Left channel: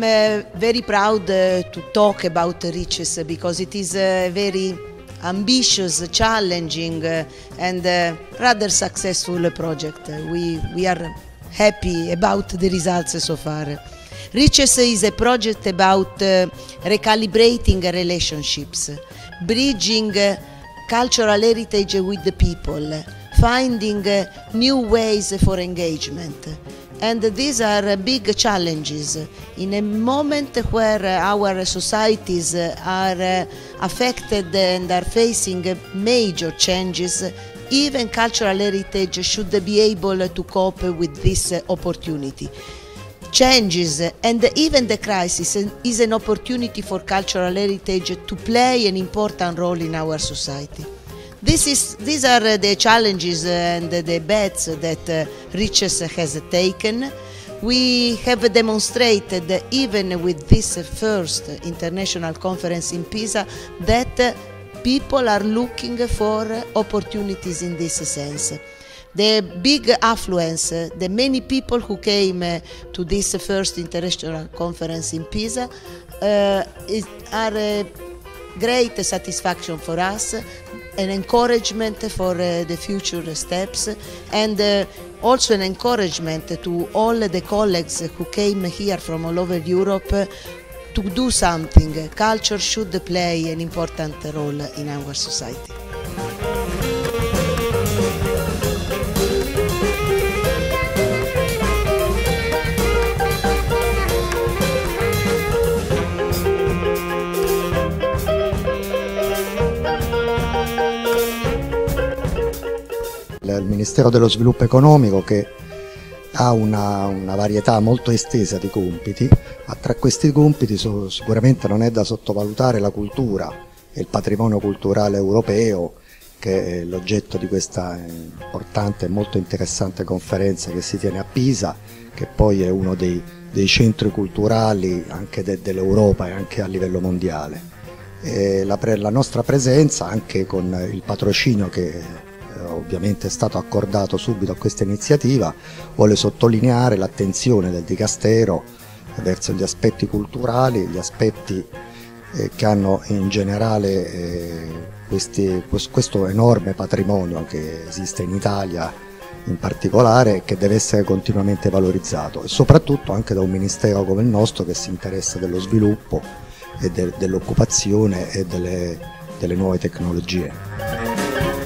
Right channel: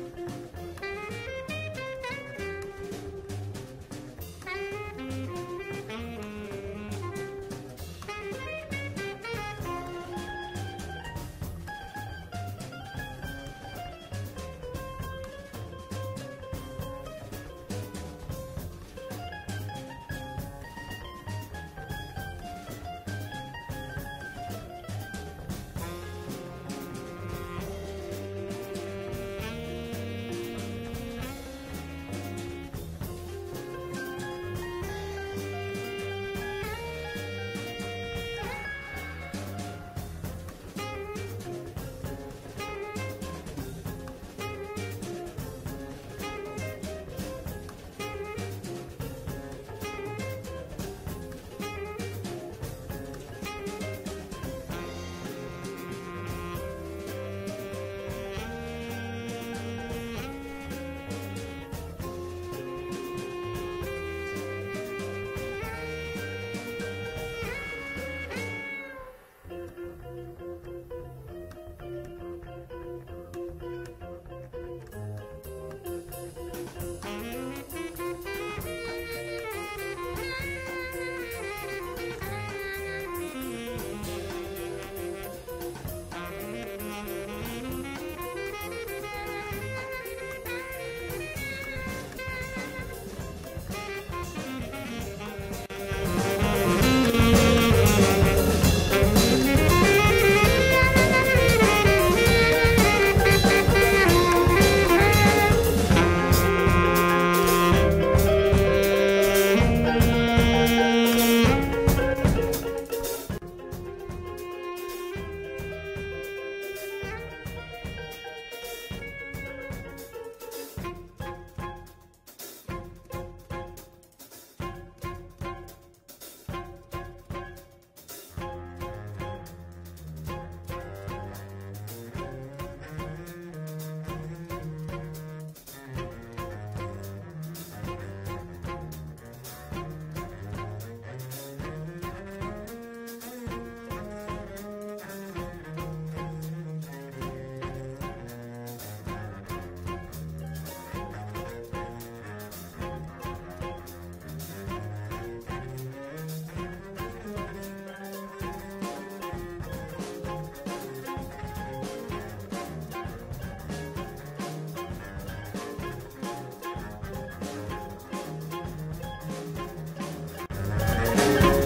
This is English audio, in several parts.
I'm very proud to talk about Riches because it is a very ambitious, challenging and rather successful project. We are happy about the results so far. Riches is a project about recalibrating relationships, bridging cultural heritage with the people, finding new ways for engagement. And these are big challenges in a moment where our societies are affected and are facing major changes. Even cultural heritage should be able to cope with this opportunity. Changes and even the crisis is an opportunity for cultural heritage to play an important role in our society. These are the challenges and the bets that Riches has taken. We have demonstrated, even with this first international conference in Pisa, that people are looking for opportunities in this sense. The big affluence, the many people who came to this first international conference in Pisa are a great satisfaction for us, an encouragement for the future steps, and also an encouragement to all the colleagues who came here from all over Europe to do something. Culture should play an important role in our society. Il Ministero dello Sviluppo Economico, che ha una varietà molto estesa di compiti, ma tra questi compiti sicuramente non è da sottovalutare la cultura e il patrimonio culturale europeo, che è l'oggetto di questa importante e molto interessante conferenza che si tiene a Pisa, che poi è uno dei centri culturali anche dell'Europa e anche a livello mondiale. E la nostra presenza, anche con il patrocinio che ovviamente è stato accordato subito a questa iniziativa, vuole sottolineare l'attenzione del Dicastero verso gli aspetti culturali, gli aspetti che hanno in generale questo enorme patrimonio che esiste in Italia in particolare e che deve essere continuamente valorizzato, e soprattutto anche da un ministero come il nostro che si interessa dello sviluppo e dell'occupazione e delle nuove tecnologie.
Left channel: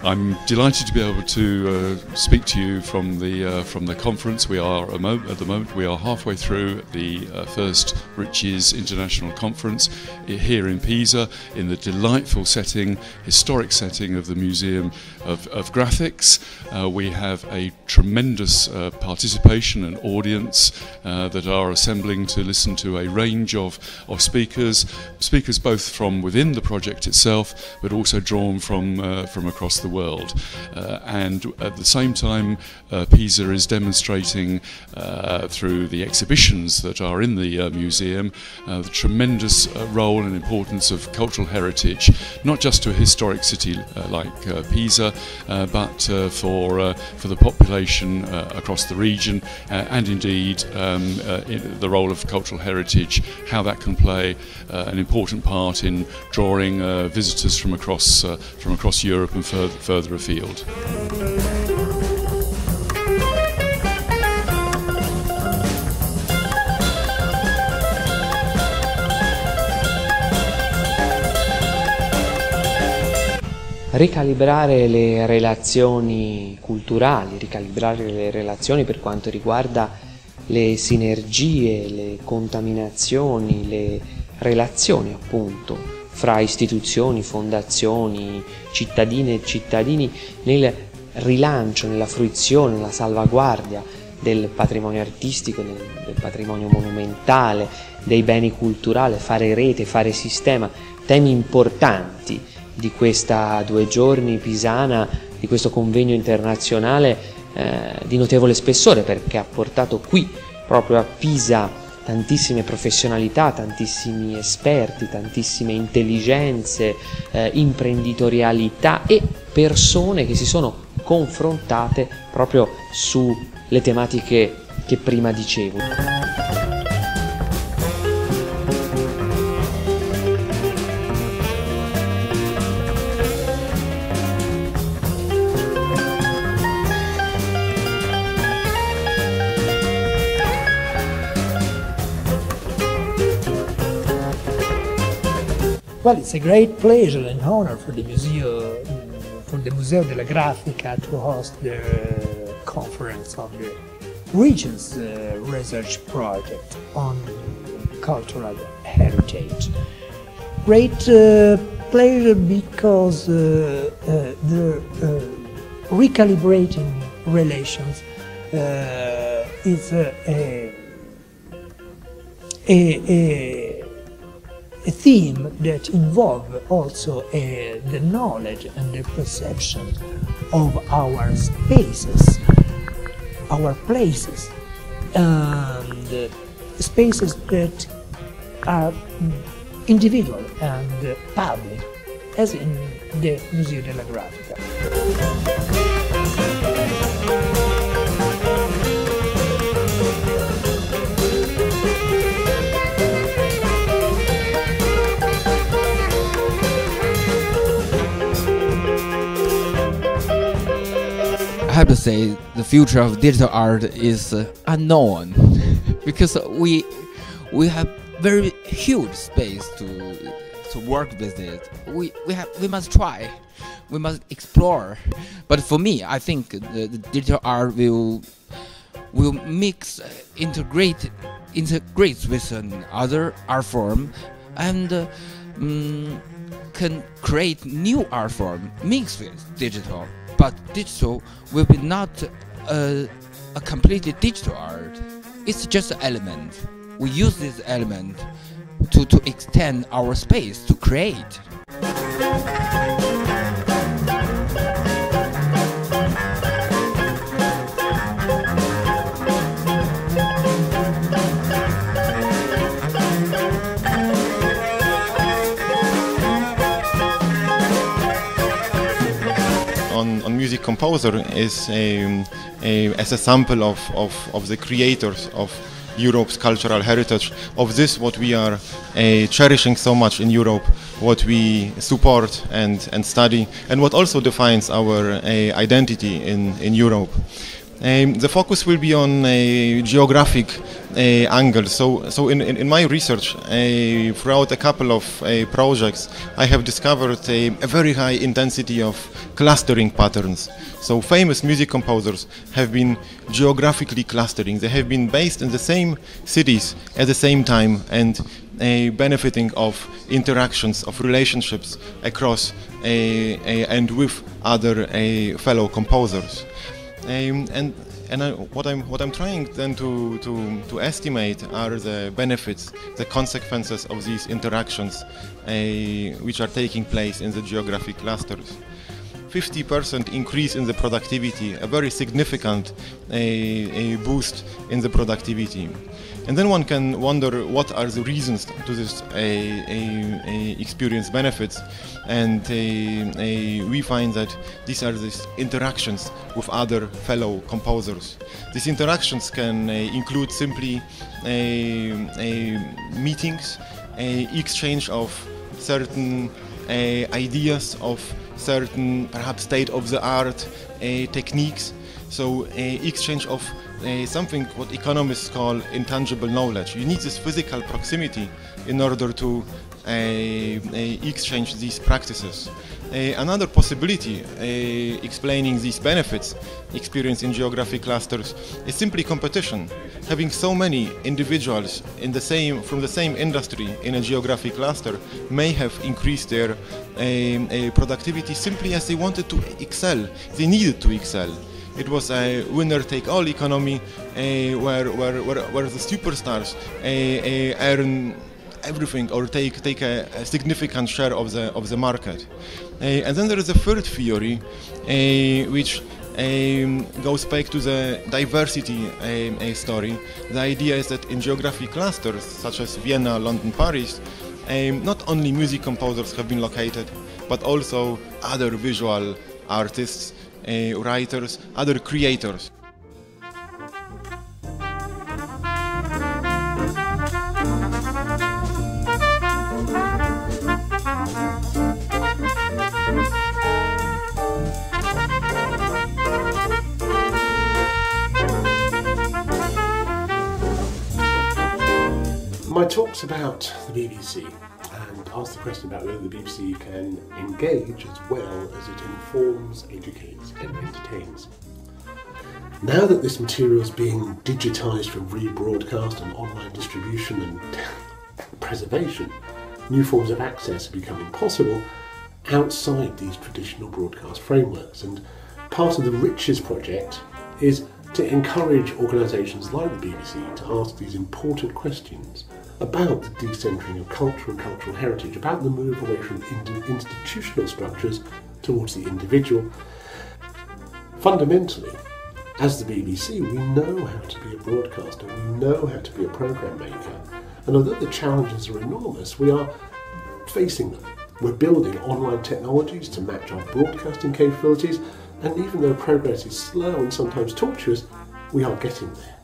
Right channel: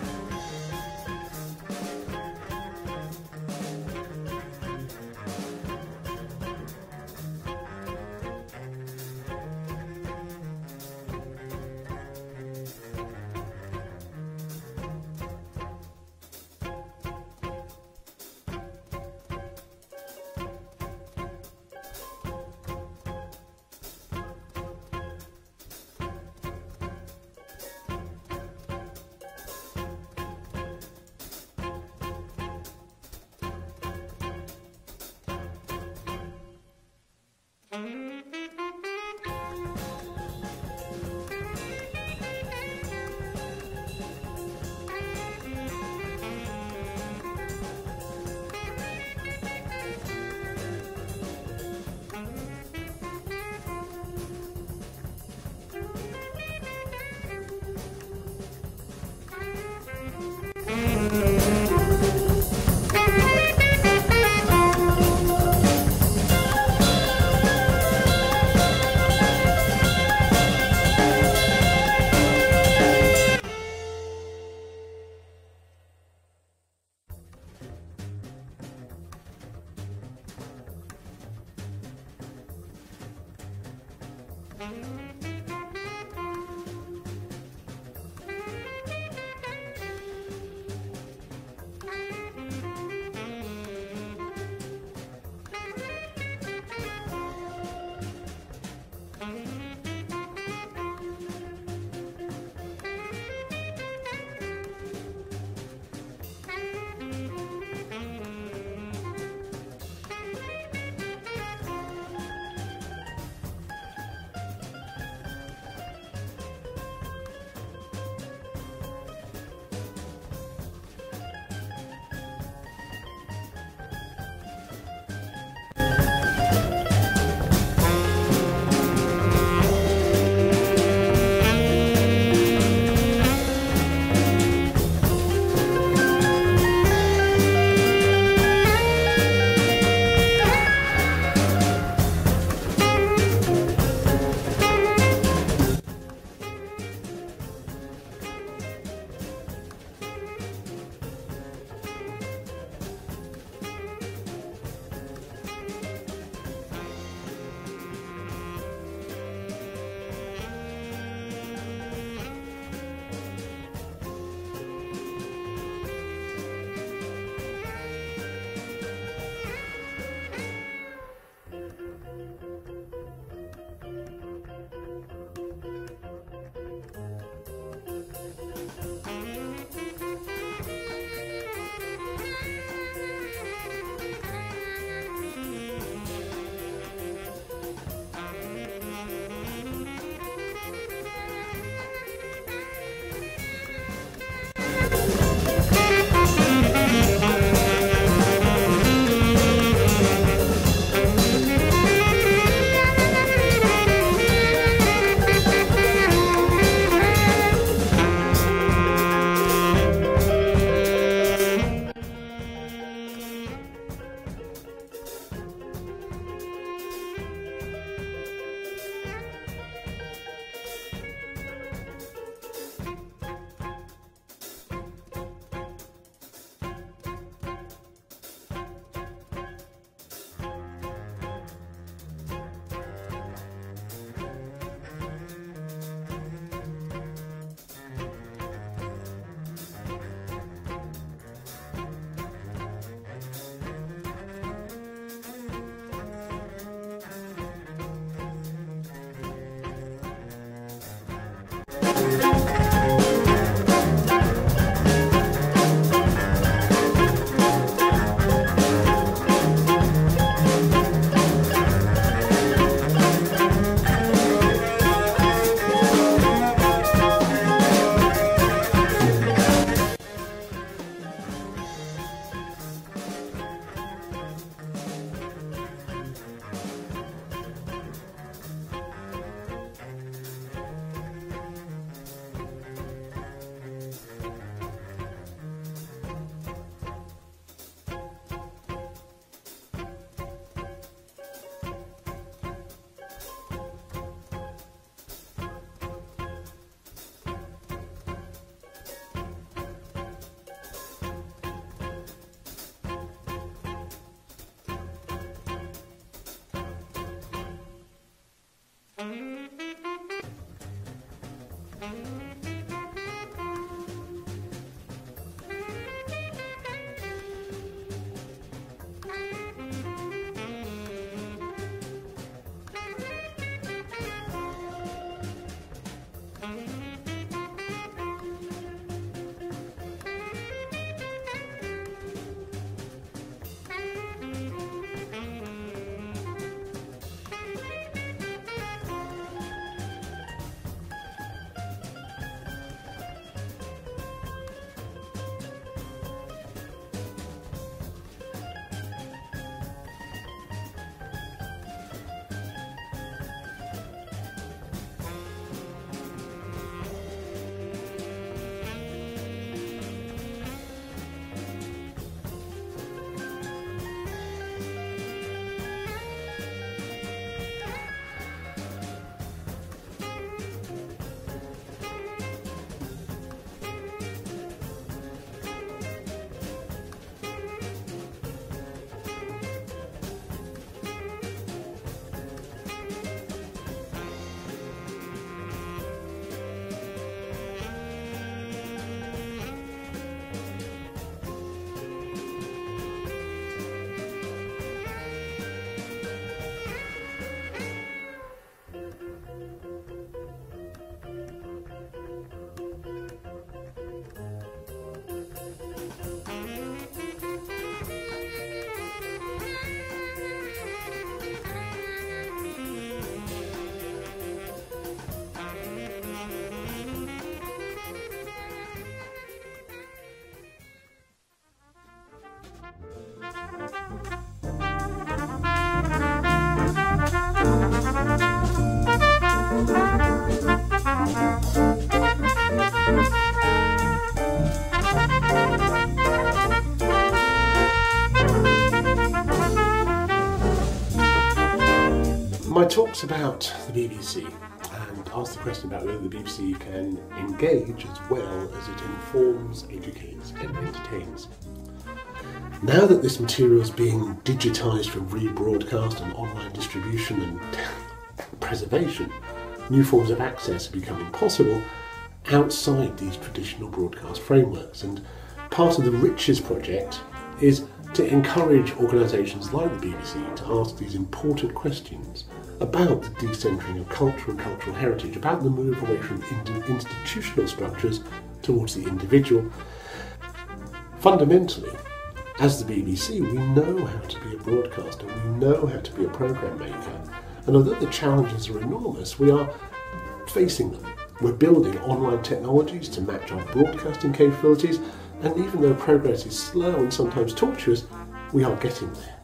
I'm delighted to be able to speak to you from the conference. We are at the moment we are halfway through the first Riches International Conference here in Pisa, in the delightful setting, historic setting of the Museum of Graphics. We have a tremendous participation and audience that are assembling to listen to a range of speakers both from within the project itself, but also drawn from across the world. And at the same time, Pisa is demonstrating through the exhibitions that are in the museum the tremendous role and importance of cultural heritage, not just to a historic city like Pisa, but for the population across the region, and indeed the role of cultural heritage, how that can play an important part in drawing visitors from across Europe and further afield. Ricalibrare le relazioni culturali, ricalibrare le relazioni per quanto riguarda le sinergie, le contaminazioni, le relazioni appunto fra istituzioni, fondazioni, cittadine e cittadini nel rilancio, nella fruizione, nella salvaguardia del patrimonio artistico, del patrimonio monumentale, dei beni culturali, fare rete, fare sistema, temi importanti di questa 2 giorni pisana, di questo convegno internazionale di notevole spessore, perché ha portato qui proprio a Pisa tantissime professionalità, tantissimi esperti, tantissime intelligenze, imprenditorialità e persone che si sono confrontate proprio sulle tematiche che prima dicevo. Well, it's a great pleasure and honor for the Museo della Grafica to host the conference of the region's research project on cultural heritage. Great pleasure because the recalibrating relations is a theme that involves also the knowledge and the perception of our spaces, our places, and spaces that are individual and public, as in the Museo della Grafica. I have to say the future of digital art is unknown because we have very huge space to work with it. We must try, we must explore. But for me, I think the digital art will mix, integrate with another art form, and can create new art form mixed with digital. But digital will be not a completely digital art. It's just an element. We use this element to extend our space to create. Composer is as a sample of the creators of Europe's cultural heritage, of this what we are cherishing so much in Europe, what we support and study, and what also defines our identity in Europe. The focus will be on a geographic angle. So in my research, throughout a couple of projects, I have discovered a very high intensity of clustering patterns. So famous music composers have been geographically clustering. They have been based in the same cities at the same time and benefiting of interactions, of relationships across and with other fellow composers. What I'm trying then to estimate are the benefits, the consequences of these interactions which are taking place in the geographic clusters. 50% increase in the productivity, a very significant boost in the productivity. And then one can wonder what are the reasons to this experience benefits, and we find that these are these interactions with other fellow composers. These interactions can include simply meetings, exchange of certain ideas, of certain perhaps state-of-the-art techniques. So exchange of something what economists call intangible knowledge. You need this physical proximity in order to exchange these practices. Another possibility explaining these benefits experienced in geographic clusters is simply competition. Having so many individuals from the same industry in a geographic cluster may have increased their productivity simply as they wanted to excel. They needed to excel. It was a winner-take-all economy where the superstars earn everything or take a significant share of the market. And then there is a third theory, which goes back to the diversity story. The idea is that in geographic clusters such as Vienna, London, Paris, not only music composers have been located, but also other visual artists, writers, other creators. My talk's about the BBC and ask the question about whether the BBC can engage as well as it informs, educates and entertains. Now that this material is being digitised for rebroadcast and online distribution and preservation, new forms of access are becoming possible outside these traditional broadcast frameworks, and part of the Riches project is to encourage organisations like the BBC to ask these important questions about the decentering of culture and cultural heritage, about the move away from institutional structures towards the individual. Fundamentally, as the BBC, we know how to be a broadcaster, we know how to be a programme maker, and although the challenges are enormous, we are facing them. We're building online technologies to match our broadcasting capabilities, and even though progress is slow and sometimes tortuous, we are getting there.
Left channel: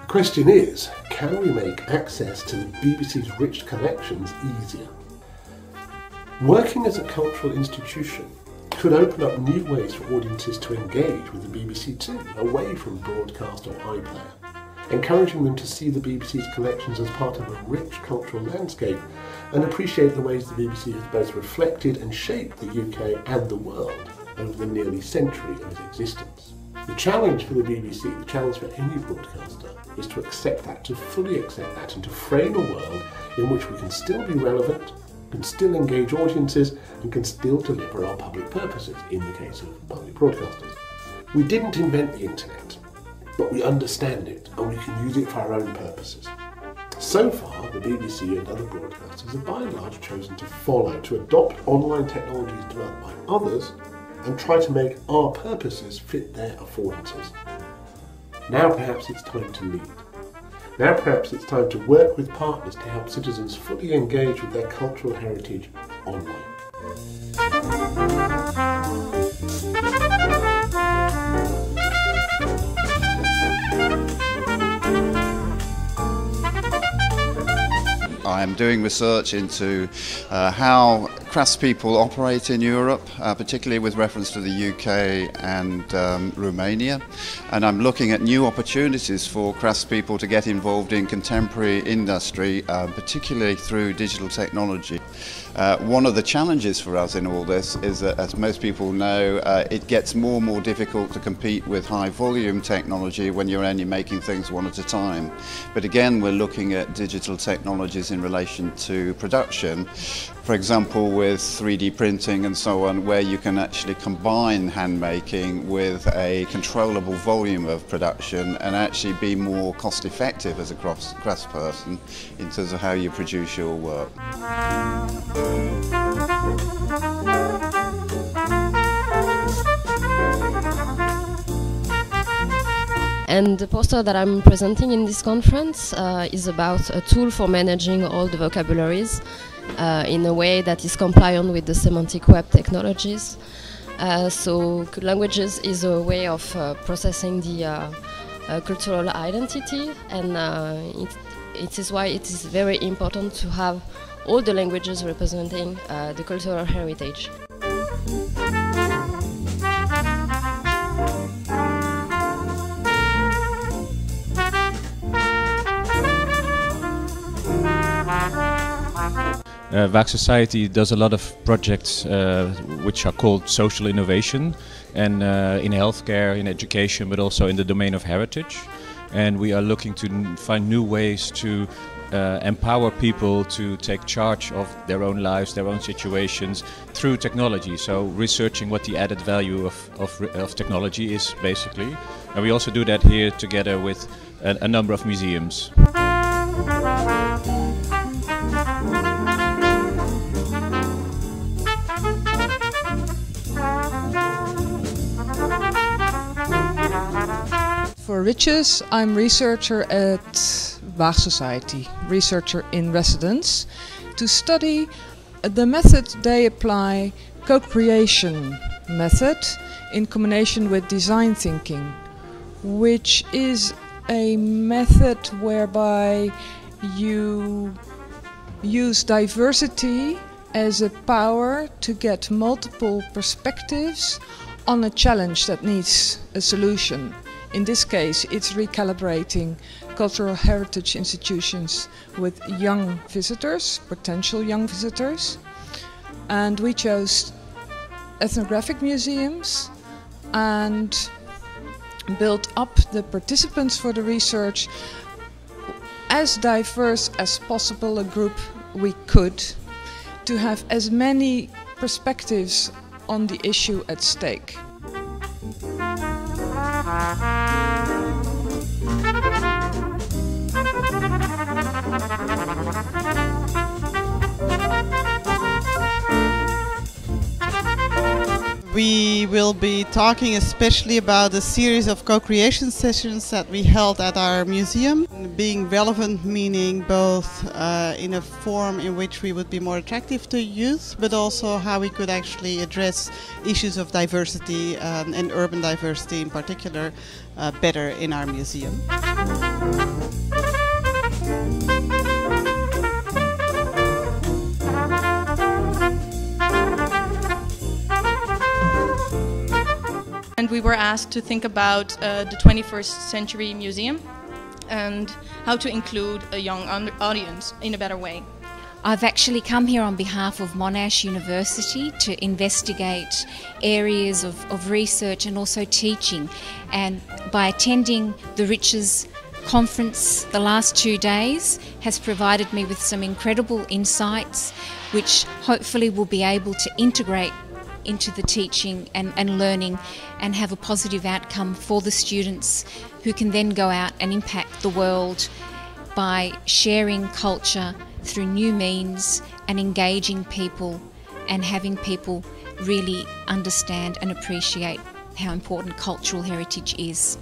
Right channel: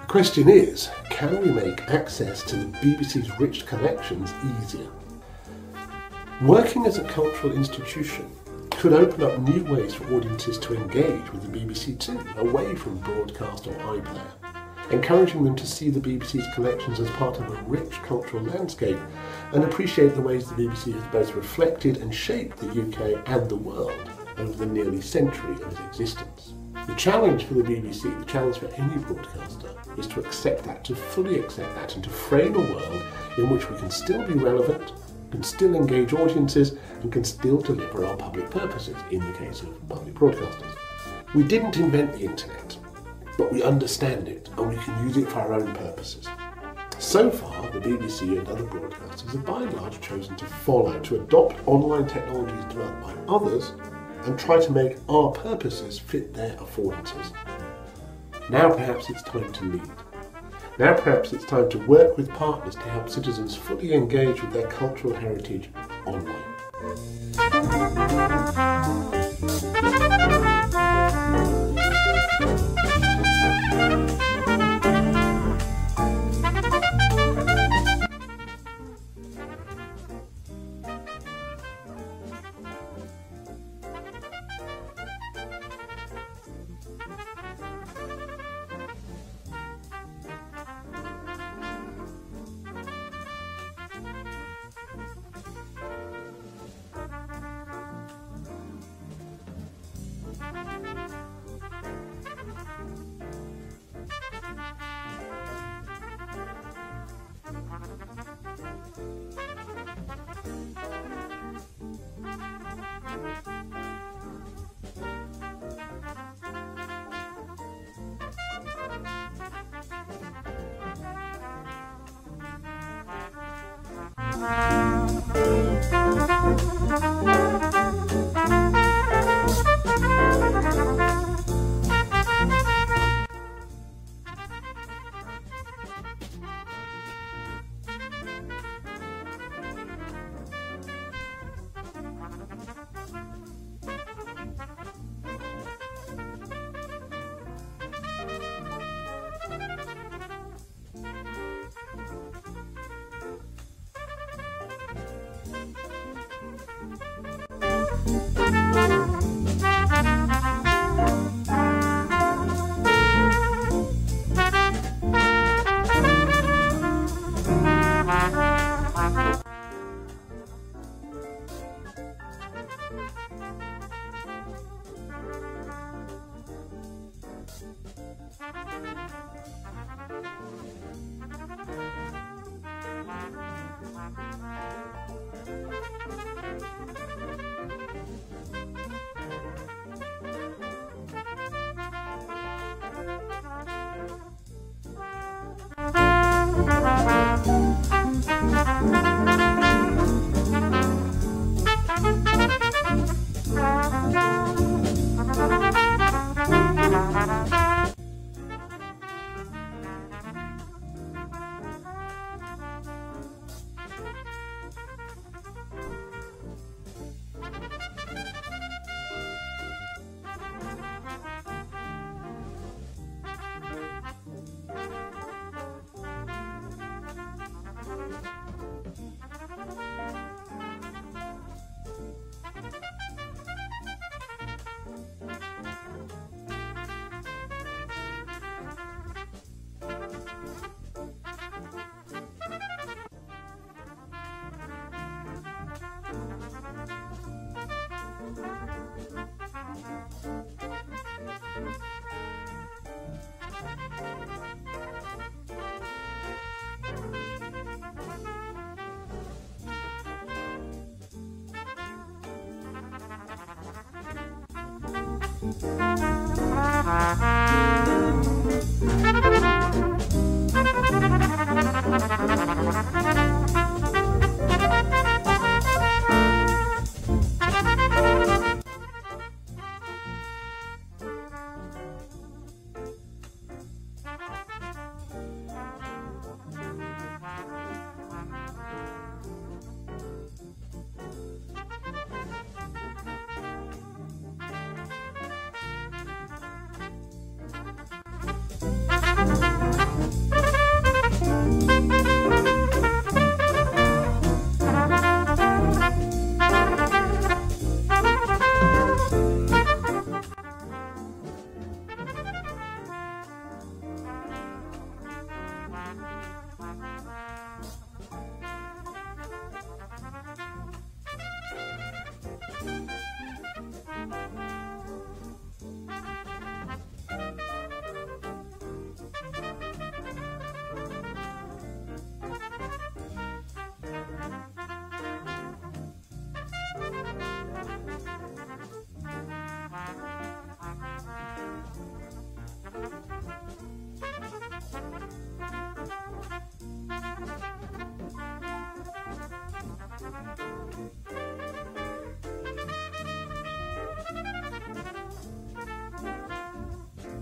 The question is, can we make access to the BBC's rich collections easier? Working as a cultural institution could open up new ways for audiences to engage with the BBC too, away from broadcast or iPlayer, encouraging them to see the BBC's collections as part of a rich cultural landscape and appreciate the ways the BBC has both reflected and shaped the UK and the world over the nearly century of its existence. The challenge for the BBC, the challenge for any broadcaster, is to accept that, to fully accept that, and to frame a world in which we can still be relevant, can still engage audiences, and can still deliver our public purposes, in the case of public broadcasters. We didn't invent the internet, but we understand it, and we can use it for our own purposes. So far, the BBC and other broadcasters have by and large chosen to follow, to adopt online technologies developed by others, and try to make our purposes fit their affordances. Now perhaps it's time to lead. Now perhaps it's time to work with partners to help citizens fully engage with their cultural heritage online. I'm doing research into how craftspeople operate in Europe, particularly with reference to the UK and Romania. And I'm looking at new opportunities for craftspeople to get involved in contemporary industry, particularly through digital technology. One of the challenges for us in all this is that, as most people know, it gets more and more difficult to compete with high volume technology when you're only making things one at a time. But again, we're looking at digital technologies in relation to production, for example with 3D printing and so on, where you can actually combine handmaking with a controllable volume of production and actually be more cost effective as a craftsperson in terms of how you produce your work. And the poster that I'm presenting in this conference is about a tool for managing all the vocabularies in a way that is compliant with the semantic web technologies. So languages is a way of processing the cultural identity, and it is why it is very important to have all the languages representing the cultural heritage. VAC Society does a lot of projects which are called social innovation, and in healthcare, in education, but also in the domain of heritage. And we are looking to find new ways to empower people to take charge of their own lives, their own situations through technology. So researching what the added value of technology is, basically. And we also do that here together with a number of museums. Riches. I'm researcher at Bach Society, researcher in residence, to study the method they apply, co-creation method, in combination with design thinking, which is a method whereby you use diversity as a power to get multiple perspectives on a challenge that needs a solution. In this case, it's recalibrating cultural heritage institutions with young visitors, potential young visitors. And we chose ethnographic museums and built up the participants for the research as diverse as possible, a group we could, to have as many perspectives on the issue at stake. We will be talking especially about a series of co-creation sessions that we held at our museum. Being relevant meaning both in a form in which we would be more attractive to youth, but also how we could actually address issues of diversity and urban diversity in particular better in our museum. And we were asked to think about the 21st century museum and how to include a young audience in a better way. I've actually come here on behalf of Monash University to investigate areas of research and also teaching. And by attending the Riches conference the last 2 days has provided me with some incredible insights which hopefully will be able to integrate into the teaching and learning and have a positive outcome for the students, who can then go out and impact the world by sharing culture through new means and engaging people and having people really understand and appreciate how important cultural heritage is.